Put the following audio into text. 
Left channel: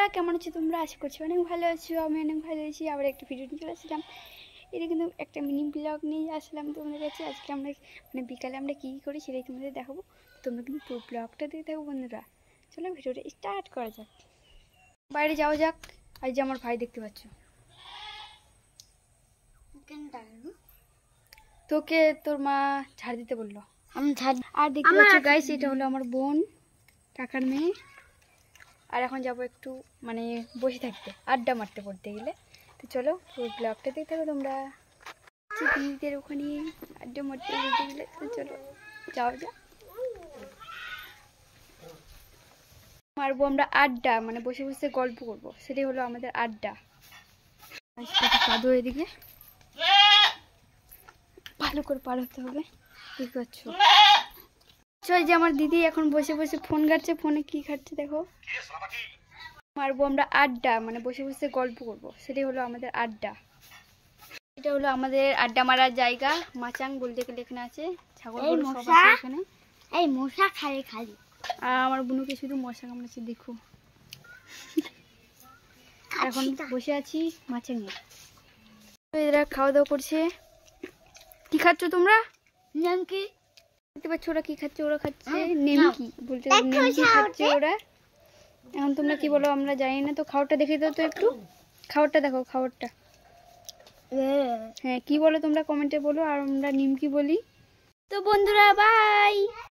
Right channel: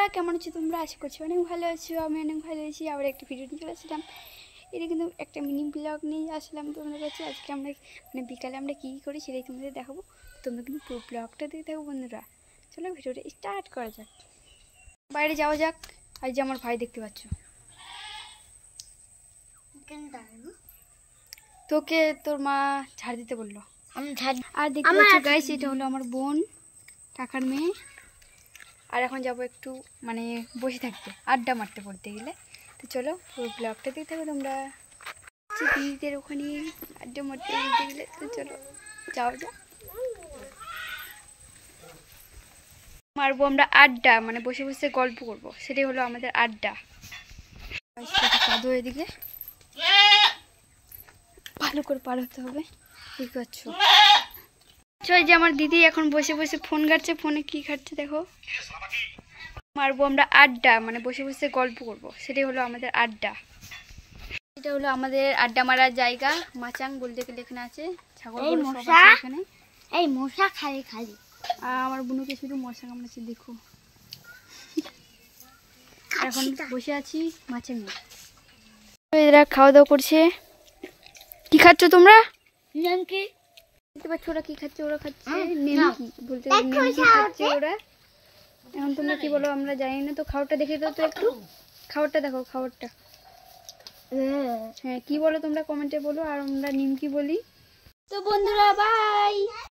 বন্ধুরা কেমন আছো তোমরা? আশা করছি অনেক ভালো আছো। আমি অনেক ভালো আছি। আবার একটা ভিডিও নিয়ে চলে আসলাম। এটা কিন্তু একটা মিনি ব্লগ নিয়ে আসলাম তোমাদের কাছে। আজকে আমরা বিকালে আমরা কী করি সেটাই তোমাদের দেখাবো। তোমরা কিন্তু পুরো ব্লগটা দেখতে থাকো বন্ধুরা। চলো ভিডিওটা স্টার্ট করা যাক। বাইরে যাওয়া যাক। আজ যে আমার ভাই দেখতে পাচ্ছ, তোকে তোর মা ঝাড় দিতে বললো। আর দেখতে পাচ্ছ গাইস, এটা হলো আমার বোন, কাকার মেয়ে। আর এখন যাব একটু বসে থাকতে, আড্ডা মারতে পড়তে গেলে। তো চলো পুরো ব্লগটা দেখতে থাকো তোমরা। দিদিদের ওখানে আড্ডা মারতে বলতে গেলে, তো চলো যাও যা মারবো আমরা আড্ডা, বসে বসে গল্প করব, সেটাই হলো আমাদের আড্ডা। কাদো এদিকে ভালো করে পার হতে হবে, বুঝতে পারছো? এই যে আমার দিদি এখন বসে বসে ফোন ঘাটছে। ফোনে কি ঘাটছে দেখো। মারবো আমরা আড্ডা, বসে বসে গল্প করব, সেটাই হলো আমাদের আড্ডা। এটা হলো আমাদের আড্ডা মারার জায়গা। মাচাং বলতে গেলে এখানে আছে, ছাগল গরু সব আছে এখানে। এই মশা খালি খালি, আর আমার বোনকে শুধু মশা কামড়াচ্ছে দেখো। এখন বসে আছি মাচাঙে। এরা খাওয়া দাওয়া করছে। কি খাচ্ছ তোমরা? নিমকি। দেখতে পাচ্ছ ওরা কি খাচ্ছে? ওরা খাচ্ছে নিমকি, বলতে নিমকি খাচ্ছে ওরা। এখন তোমরা কি বলো আমরা জানি না। তো খাবারটা দেখে দাও তো একটু। খাবারটা দেখো, খাবারটা। হ্যাঁ কি বলো তোমরা কমেন্টে বলো, আর আমরা নিমকি বলি। তো বন্ধুরা বাই।